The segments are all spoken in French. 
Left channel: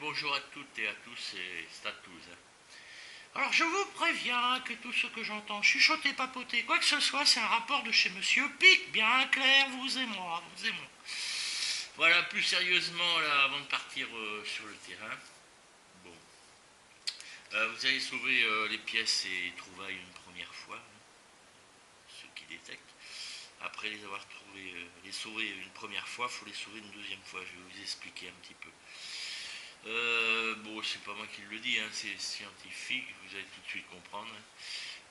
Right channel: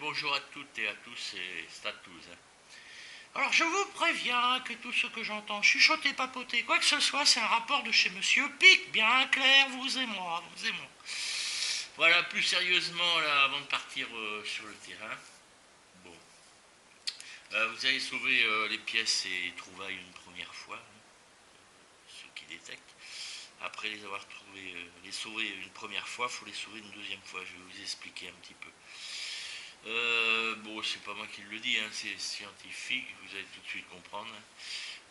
bonjour à toutes et à tous, et c'est à tous. Alors je vous préviens que tout ce que j'entends chuchoter, papoter, quoi que ce soit, c'est un rapport de chez Monsieur Pic, bien clair, vous et moi, vous et moi. Voilà, plus sérieusement, là, avant de partir sur le terrain, bon, vous allez sauver les pièces et les trouvailles une première fois, hein, ceux qui détectent. Après les avoir trouvés, les sauver une première fois, il faut les sauver une deuxième fois. Je vais vous expliquer un petit peu. Bon, c'est pas moi qui le dis, hein, c'est scientifique, vous allez tout de suite comprendre.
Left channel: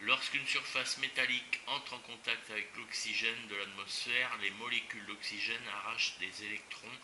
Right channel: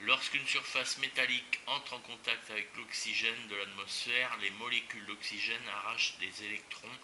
Lorsqu'une surface métallique entre en contact avec l'oxygène de l'atmosphère, les molécules d'oxygène arrachent des électrons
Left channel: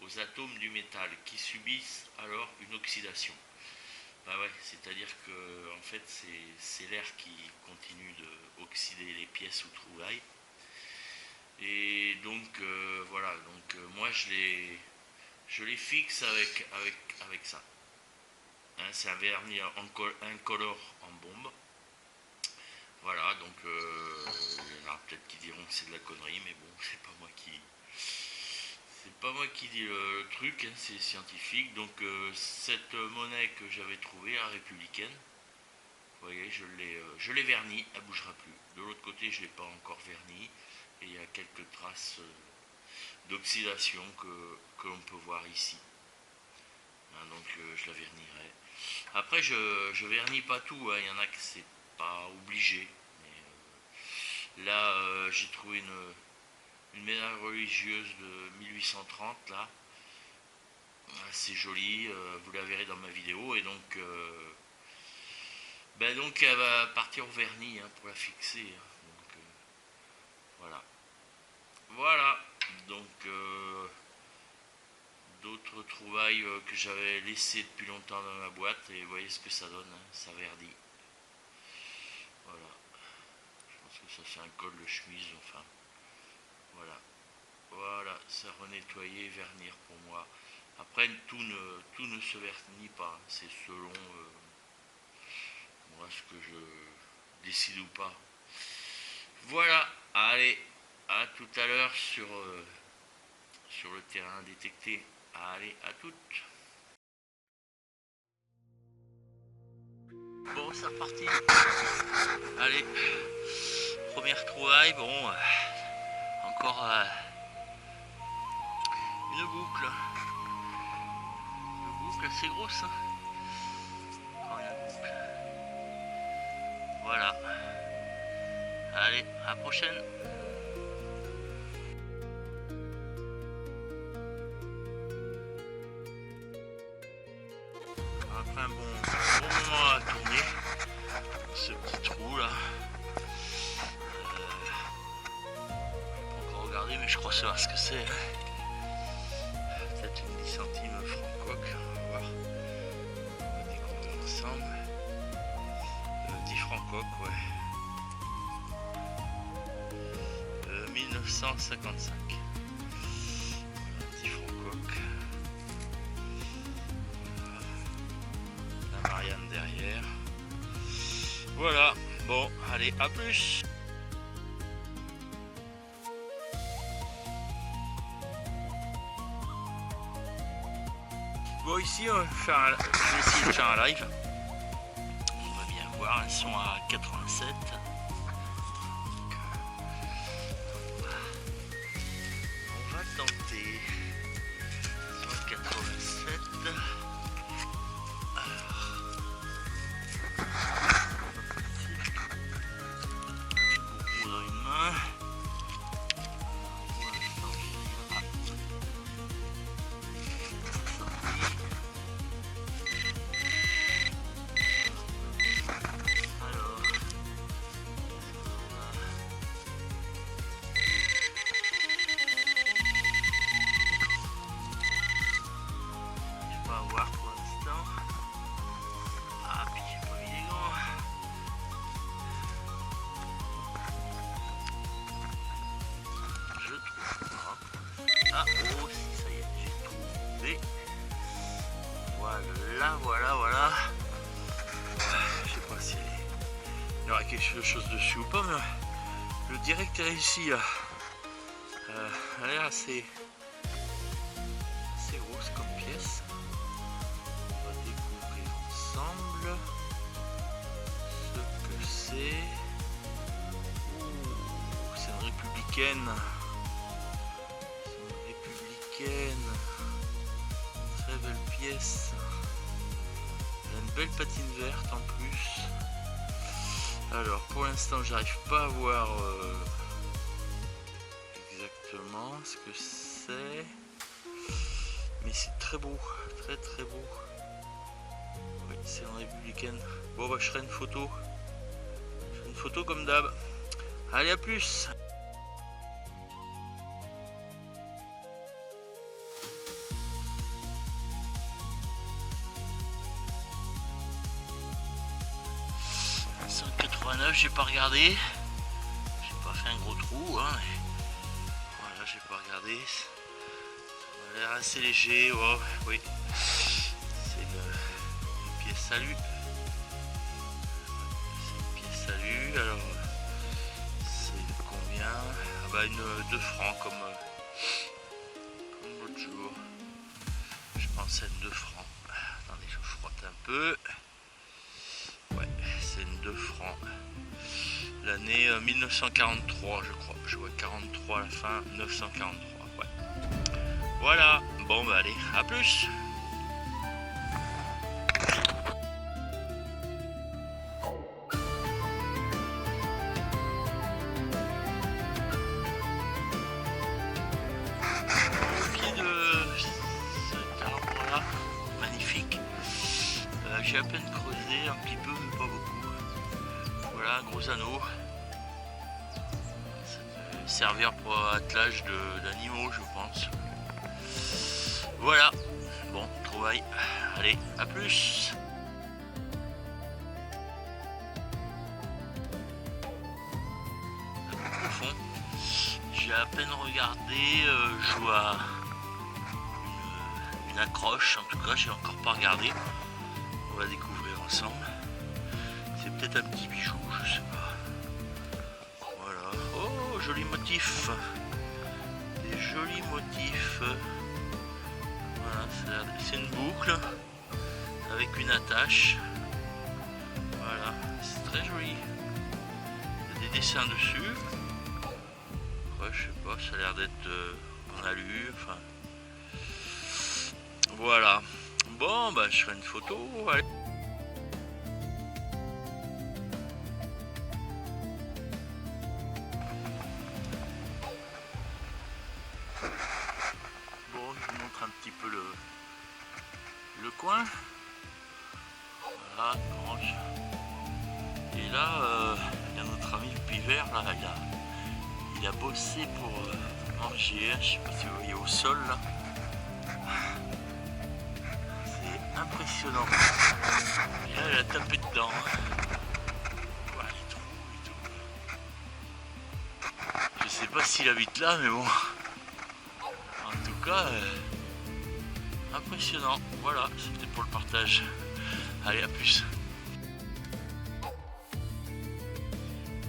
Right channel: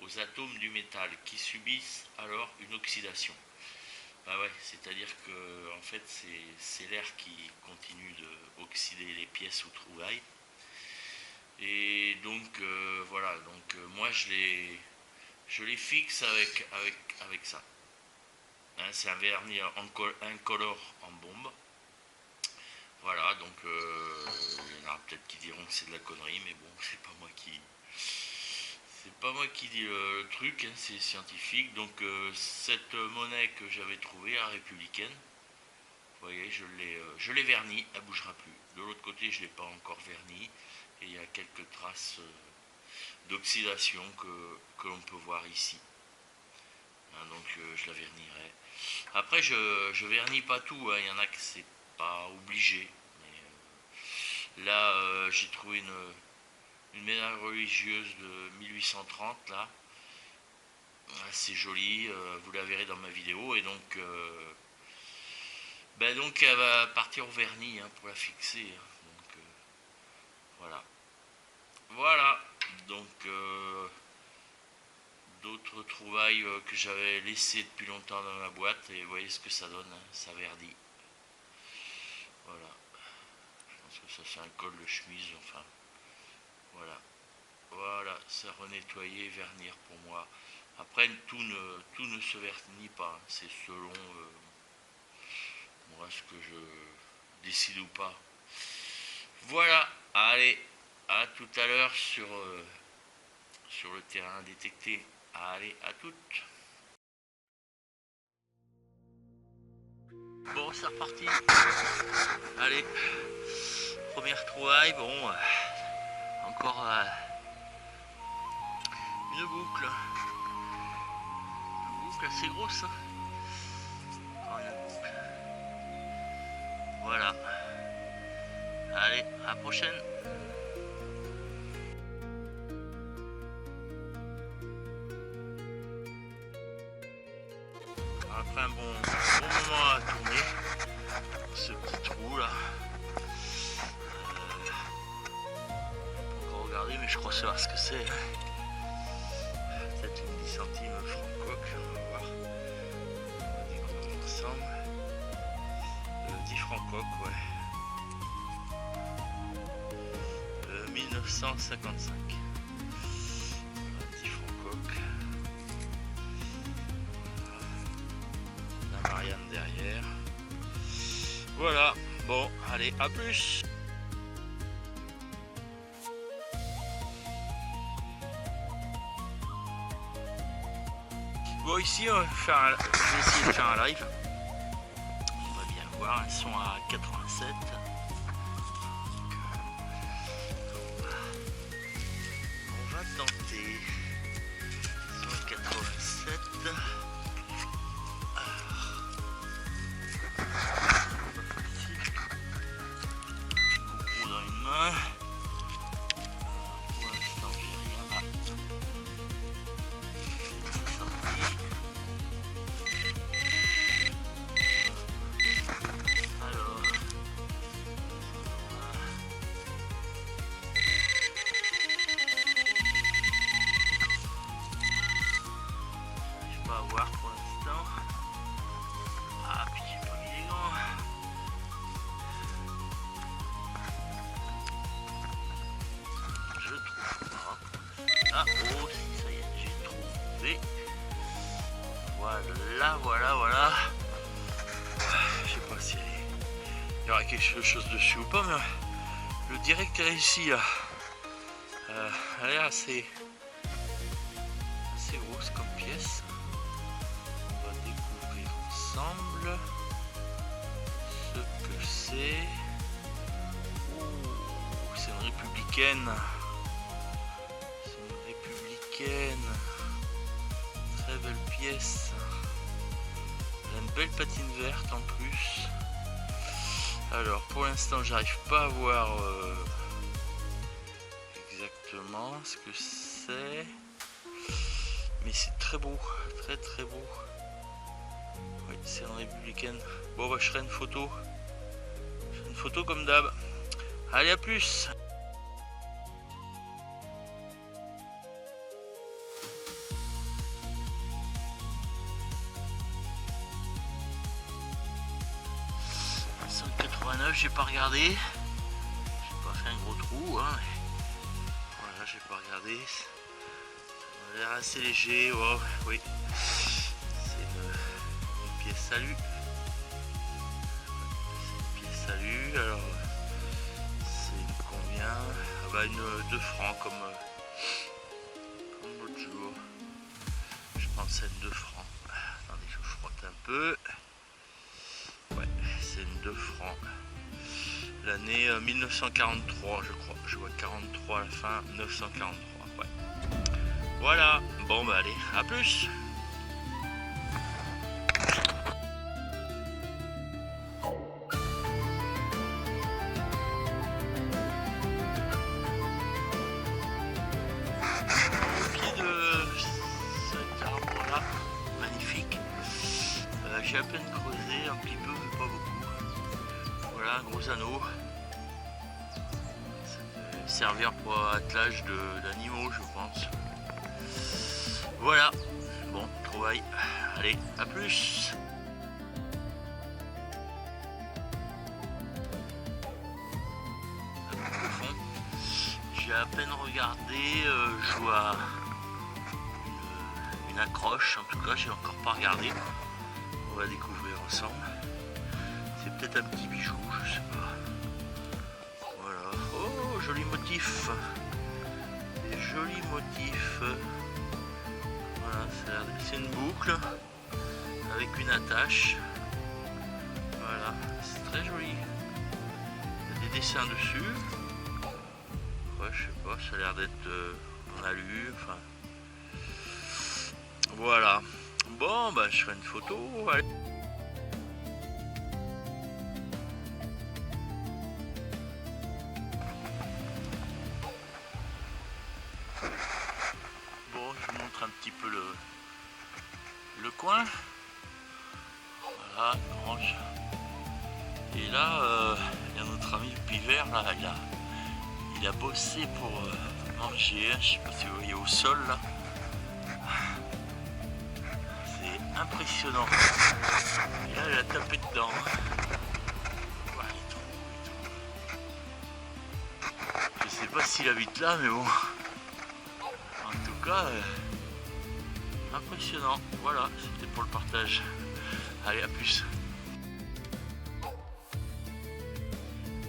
aux atomes du métal qui subissent alors une oxydation. Bah ouais, c'est-à-dire que en fait c'est l'air qui continue d'oxyder les pièces ou trouvailles. Et donc voilà, donc moi je les fixe avec ça. Hein, c'est un vernis incolore en bombe. Voilà, donc il y en a peut-être qui diront que c'est de la connerie, mais bon, c'est pas moi qui dis le truc, hein, c'est scientifique. Donc cette monnaie que j'avais trouvée, la républicaine, vous voyez, je l'ai vernie, elle bougera plus. De l'autre côté, je l'ai pas encore vernie, et il y a quelques traces d'oxydation que l'on peut voir ici. Hein, donc je la vernirai. Après, je vernis pas tout, hein, il y en a que c'est pas obligé. Mais là, j'ai trouvé une médaille religieuse de 1830 là, assez jolie, vous la verrez dans ma vidéo, et donc elle va partir au vernis, hein, pour la fixer, hein. Donc voilà. Voilà, donc d'autres trouvailles que j'avais laissées depuis longtemps dans ma boîte, et vous voyez ce que ça donne, hein, ça verdit. Voilà, je pense que ça c'est un col de chemise, enfin, voilà. Voilà, ça renettoyer, vernir pour moi. Après, tout ne se vernit pas, hein, c'est selon moi ce que je décide ou pas. Voilà, allez, à tout à l'heure sur le terrain détecté. Allez, à toutes. Bon, c'est reparti. Allez, première trouvaille, bon, encore une boucle. Une boucle assez grosse, hein. Encore une boucle. Voilà. Allez, à la prochaine. Après un bon moment à tourner, ce petit trou là. Encore regarder, mais je crois savoir ce que c'est. Peut-être une 10 centimes franc-coque, on va voir. Ensemble. Un petit franc-coque, ouais. 1955. Un petit franc-coque. La Marianne derrière. Voilà, bon, allez, à plus. Bon, ici, je vais essayer de faire un live. On va bien voir, ils sont à 87. On va tenter. Ils sont à 87. Dans une main. Ah, oh, ça y est, j'ai trouvé. Voilà. Je sais pas si il y aura quelque chose dessus ou pas, mais le direct est ici là. Elle est assez grosse comme pièce. républicaine. C'est une républicaine. Très belle pièce. Elle a une belle patine verte en plus. Alors pour l'instant j'arrive pas à voir exactement ce que c'est. Mais c'est très beau. Très très beau. Oui, c'est une républicaine. Bon bah je ferai une photo. Je ferai une photo comme d'hab. Allez, à plus. J'ai pas regardé, j'ai pas fait un gros trou, hein. Voilà, j'ai pas regardé. Ça a l'air assez léger, oh, oui. C'est une pièce salut. Une pièce salut, alors c'est combien? Ah bah une 2 francs comme l'autre jour. Je pense à une 2 francs. Attendez, je frotte un peu. Ouais, c'est une 2 francs. L'année 1943 je crois, je vois 43 à la fin, 1943, ouais. Voilà, bon bah allez, à plus. Pied de cet arbre-là, magnifique. J'ai à peine creusé, un petit peu, mais pas beaucoup. Voilà, un gros anneau. Servir pour attelage d'animaux, je pense. Voilà, bon, trouvaille. Allez, à plus. Le fond, j'ai à peine regardé, je vois une accroche, en tout cas, j'ai encore pas regardé. On va découvrir ensemble. C'est peut-être un petit bijou, je sais pas. Voilà. Oh, joli motif. Des jolis motifs. Voilà, c'est une boucle avec une attache. Voilà, c'est très joli. Il y a des dessins dessus. Ouais, je sais pas, ça a l'air d'être en alu. Enfin. Voilà. Bon, bah je ferai une photo. Allez. Un petit peu le coin. Voilà, orange. Et là, il y a notre ami le pivert, là, il a bossé pour manger, je sais pas si vous voyez au sol là. C'est impressionnant. Et là, il a tapé dedans. Ouais, je sais pas s'il habite là, mais bon. En tout cas, impressionnant. Voilà, c'était pour le partage. Allez, à plus.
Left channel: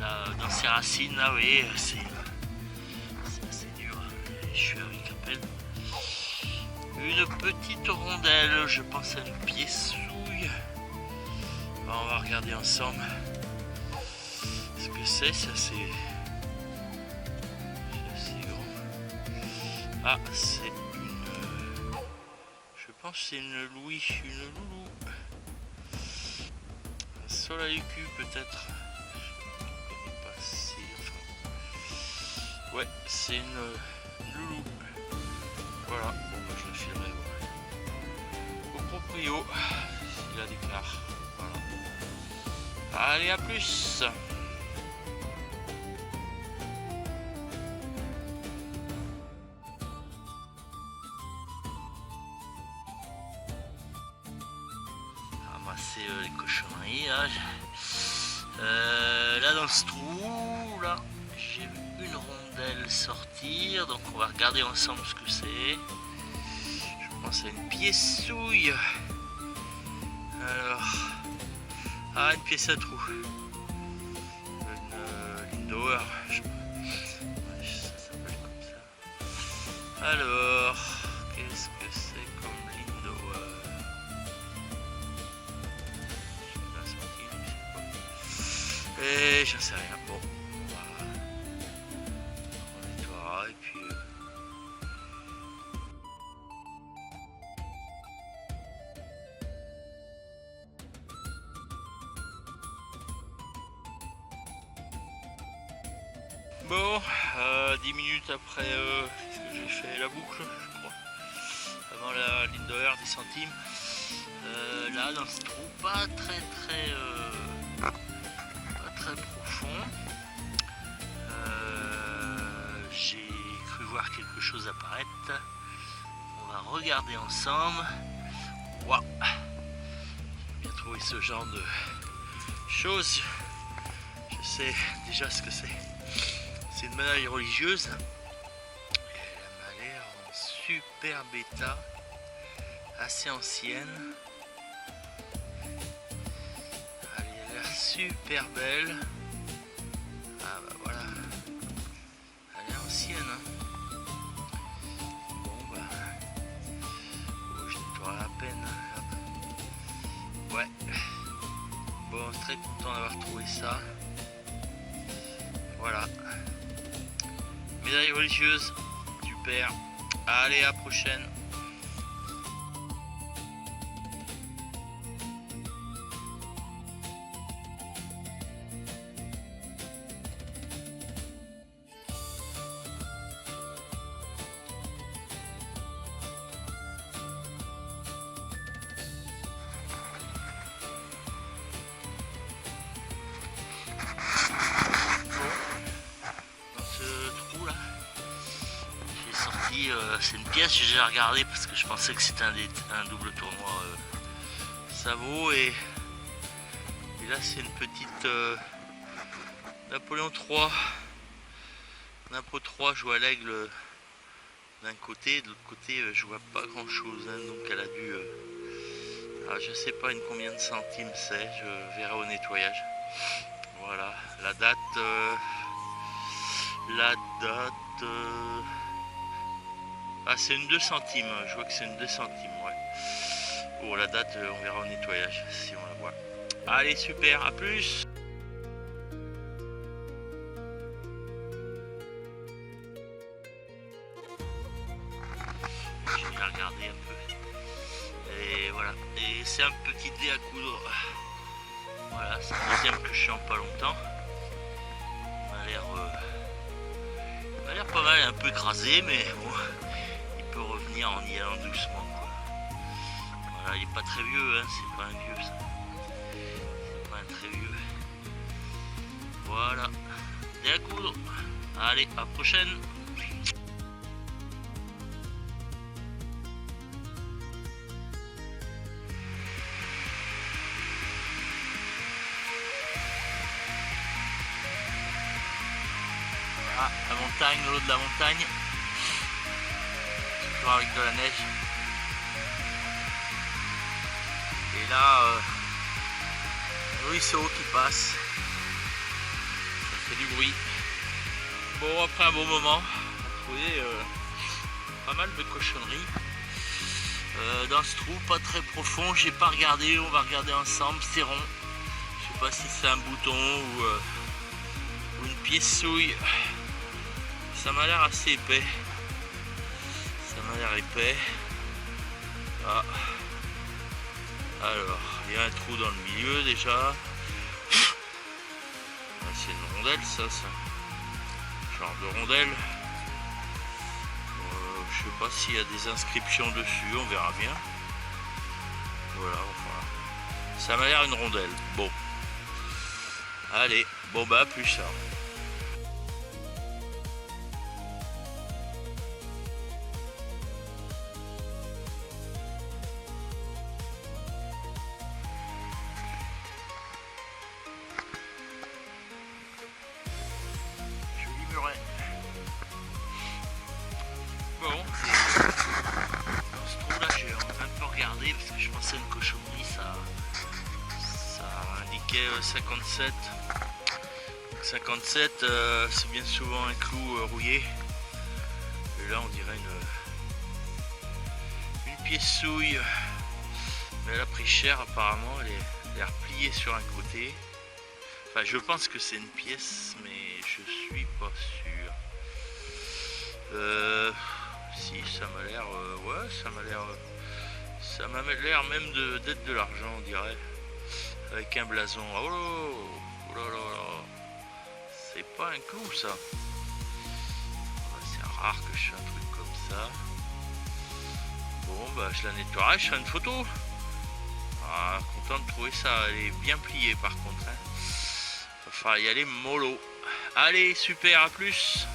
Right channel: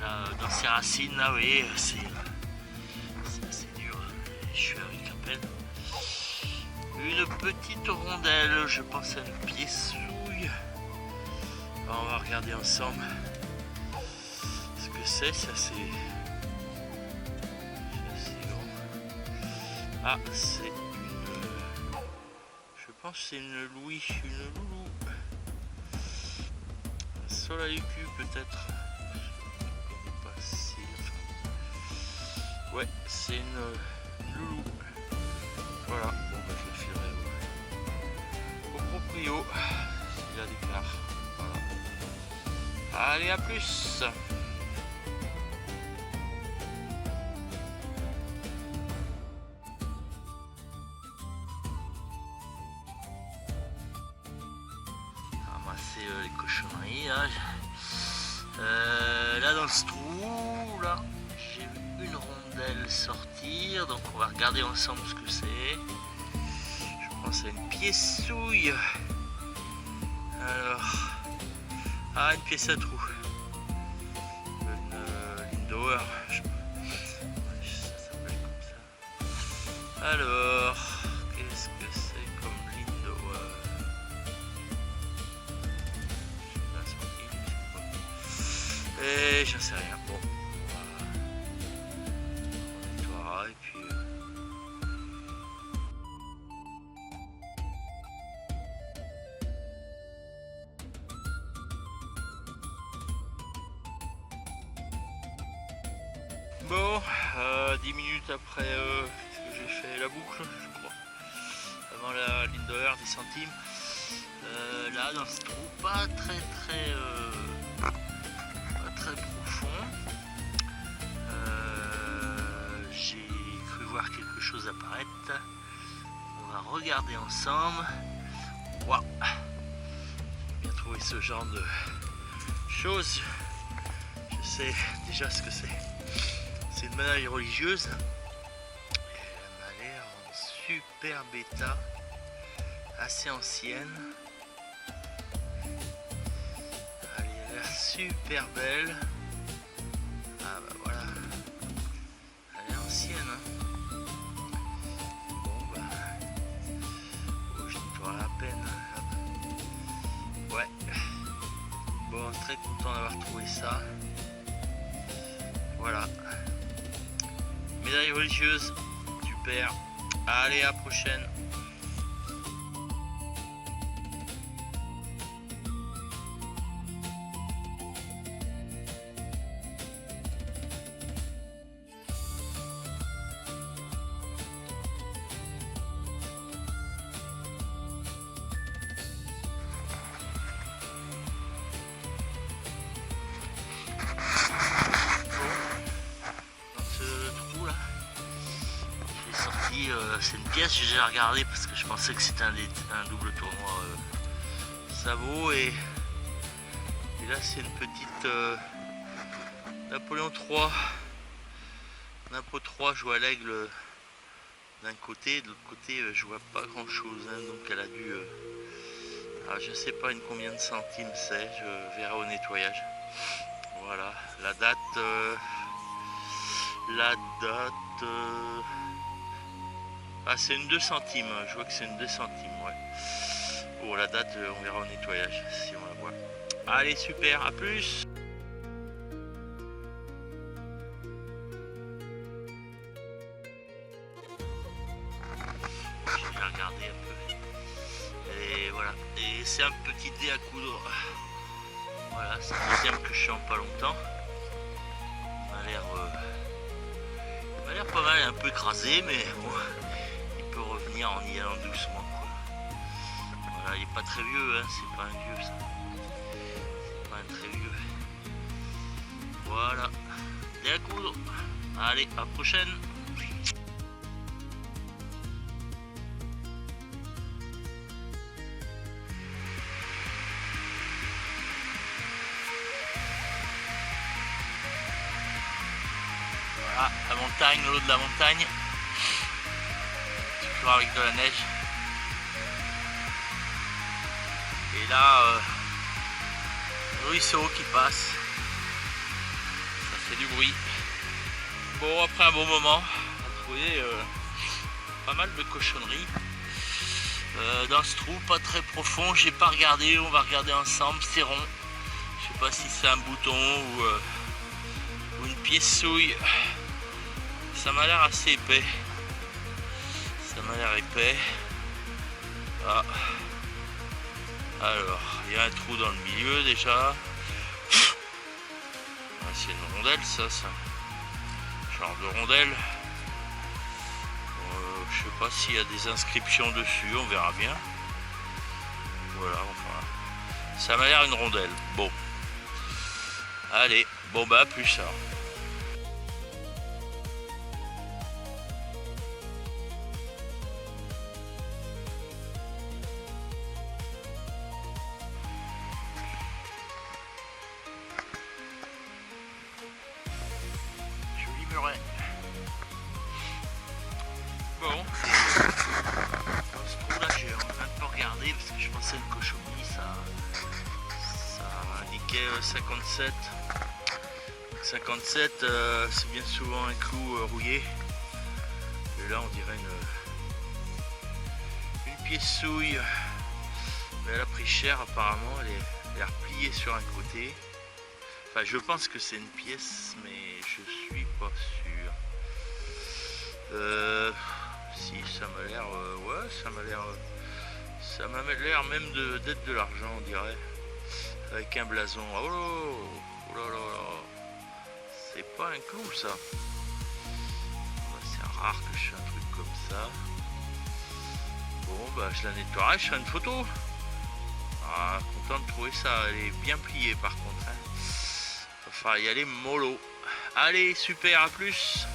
Là, dans ces racines, là, oui, c'est dur. Je suis avec à peine une petite rondelle. Je pense à une pièce-souille. On va regarder ensemble ce que c'est. Ça, c'est. Ah, c'est une. Je pense que c'est une louis, une loulou. Un Solaricu peut-être. Pas si. Ouais, c'est une loulou. Voilà, bon, bah, je le filerai au proprio. Il la déclare. Allez, à plus. Les cochonneries là. Là dans ce trou là j'ai vu une rondelle sortir, donc on va regarder ensemble ce que c'est. Je pense à une pièce-souille. Alors, une pièce à trou, une Lindauer, ça s'appelle comme ça. Alors, qu'est-ce que c'est comme Lindauer? Et j'en sais rien. Bon. 10 minutes après que j'ai fait la boucle, je crois, avant la ligne de heure, 10 centimes. Là, dans ce trou, pas très profond. J'ai cru voir quelque chose apparaître. On va regarder ensemble. Waouh! J'ai trouvé ce genre de choses. Je sais déjà ce que c'est. C'est une médaille religieuse. Elle m'a l'air en super bêta, assez ancienne. Elle a l'air super belle. Ah bah voilà. Elle est ancienne. Hein. Bon bah. Oh, je nettoie à peine. Ouais. Bon, très content d'avoir trouvé ça. Voilà. Médaille religieuse, super. Allez, à la prochaine. C'est une pièce que j'ai déjà regardé parce que je pensais que c'était un double tournoi Savo et là c'est une petite Napoléon III. Napo 3 joue à l'aigle d'un côté, de l'autre côté je vois pas grand chose, hein, donc elle a dû je sais pas combien de centimes c'est, je verrai au nettoyage. Voilà, la date ah, c'est une 2 centimes, je vois que c'est une 2 centimes, ouais. Bon, la date, on verra au nettoyage si on la voit. Allez, super, à plus! Je vais regarder un peu. Et voilà, et c'est un petit dé à coudre. Voilà, c'est le deuxième que je suis en pas longtemps. Il a l'air pas mal, un peu écrasé, mais bon. Revenir en y allant doucement. Voilà, il est pas très vieux, hein, c'est pas un vieux ça. C'est pas un très vieux. Voilà. Et à coudre. Allez, à la prochaine. Voilà, la montagne, l'eau de la montagne. Avec de la neige et là le ruisseau qui passe, ça fait du bruit. Bon, après un bon moment, vous voyez pas mal de cochonneries dans ce trou, pas très profond. J'ai pas regardé, on va regarder ensemble. C'est rond, je sais pas si c'est un bouton ou une pièce souille. Ça m'a l'air assez épais. Ça m'a l'air épais. Ah. Alors, il y a un trou dans le milieu déjà. Ah, c'est une rondelle ça. Genre de rondelle. Je sais pas s'il y a des inscriptions dessus, on verra bien. Voilà, enfin. Ça m'a l'air une rondelle. Bon. Allez, bon bah à plus ça. Bon, dans ce trou-là, j'ai un peu regardé parce que je pensais une cochonnerie, ça indiquait 57. 57, c'est bien souvent un clou rouillé. Et là, on dirait une pièce souille. Mais elle a pris cher apparemment, elle est repliée sur un côté. Enfin, je pense que c'est une pièce, mais je suis pas sûr. Si, ça m'a l'air, ouais, ça m'a l'air même d'être de l'argent, on dirait, avec un blason. Oh là là, c'est pas un clou ça. rare que je fais un truc comme ça. Bon, bah je la nettoierai, je ferai une photo. Ah, content de trouver ça, elle est bien pliée par contre. Hein. Va falloir y aller mollo. Allez, super, à plus.